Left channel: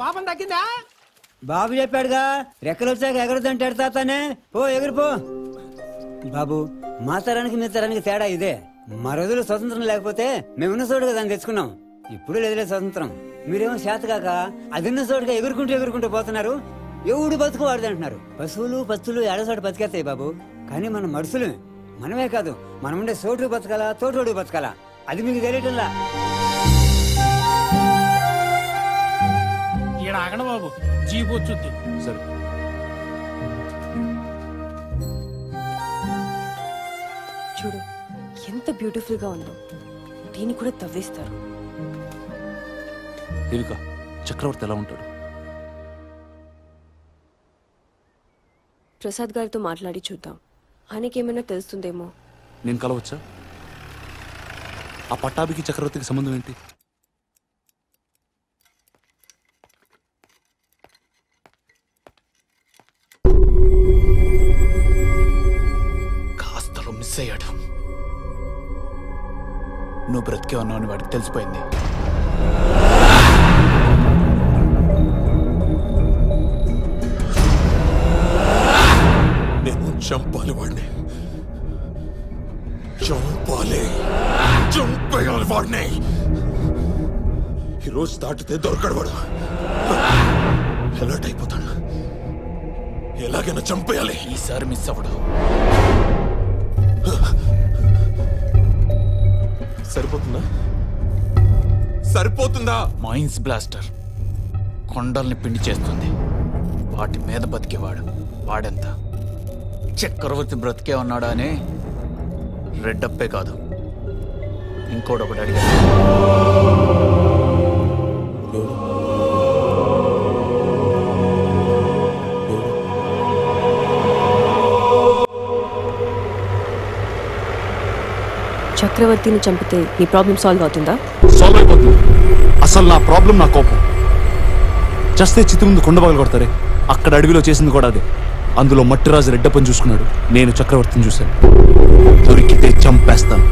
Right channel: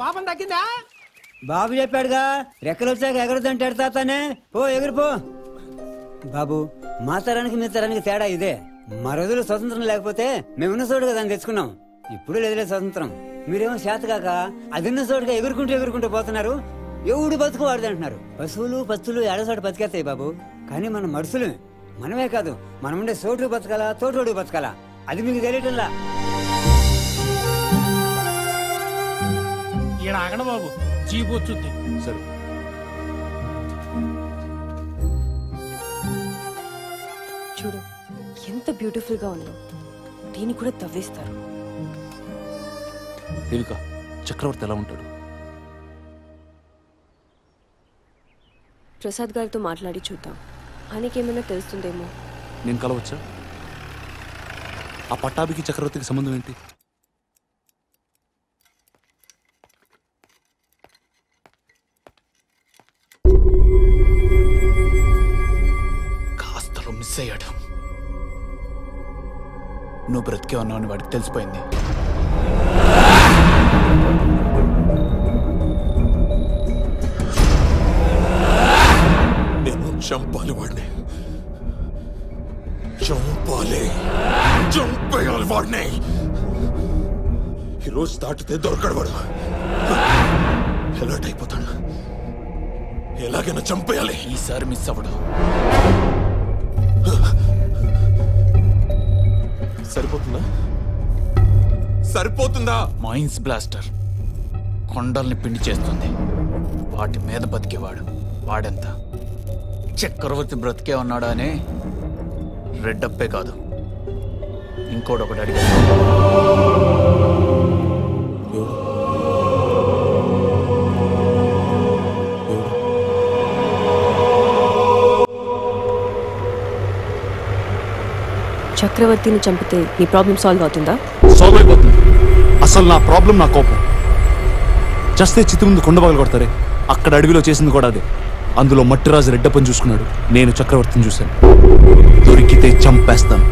పాపం తగ్గిందా? బాబు చెప్పాడుగా రెక్కలు వచ్చాక ఎగరదంటాడు తాతానే. పో ఎగురుపో. బాబు మా తరానికి మీ తరానికి తేడా ఇదే. మా రోజులు స్వతంత్రం లేకపోతే మేమున్న చోటుగా దాన్ని తెచ్చుకున్నాం. ఇప్పుడు లేదులే స్వతంత్రం. మీరేమో శాతకాక అదిన్న చోటుగా ఎగురుకుంటూ పోతున్నారు. ఎవడు బతుకు వాడిది అంటున్నారు. పశువులు పచ్చులు ఏడచోట బతికేస్తాయి బాబు. కానీ మనం మనుషులు. మనమే కాదు, మనం ఉండే చోటు బతకాలా, తోటోడు బతకాలా, అది మీకు తెలియటంలా. ఈడ ఆగండి బాబు, జీపు వచ్చుద్ది. సరే చూడు ఎంత బ్యూటిఫుల్ గా ఉందో. దీన్ని కూడా తవ్వేస్తారు. దేవిక, చక్రవర్తి ఎలా ఉంటాడు? ప్రసాద్ గారితో మాట్లాడి చూద్దాం. ఆయనకేమైనా తెలుస్తుందేమో. నేను కలవచ్చా? ఆ పట్టాభికి చక్రవర్తికి సంబంధం ఏంటి? కాస్తలో మిస్ అయ్యాడు. నువ్వు బ్రతికే ఉన్నావు అని వాడికి తెలిసిపోయింది. నేను చంపాలి వాడిని, చంపేయాలి వాడిని. ఈరోజు దాటితే దొరకడు వాడు. ఎలర్ట్ అయిపోతాడు. ఎలాగైనా చంపేయాలి. ఈసారి మిస్ అవ్వడు. సరిపోతుందా? మైన్స్ బ్లాస్టర్ కొండల్ని పిండి చేస్తుంది. వాటి మీద బతికేవాడు వాడెంత. చక్రవర్తి బ్రతికే ఉన్నాడా అని రెడ్డప్పే కాదు, ఇంకోడొకటి అడిగాడు. చక్రవర్తిని చంపితే నీ ప్రాబ్లం సాల్వ్ అవుతుందా? సాల్వ్ అయిపోతుంది. అసలు నా ప్రాబ్లం నా కోపం. చస్తే చిత్తి ముందు కొండబాగలు కొడతారే, అక్కడ అడవిలో చేసింది కూడా అదే. అందులో మట్టిరాజు రెడ్డప్పని చూసుకున్నాడు, నేను చక్రవర్తిని చూశాను. దొరికితే చంపేస్తాను.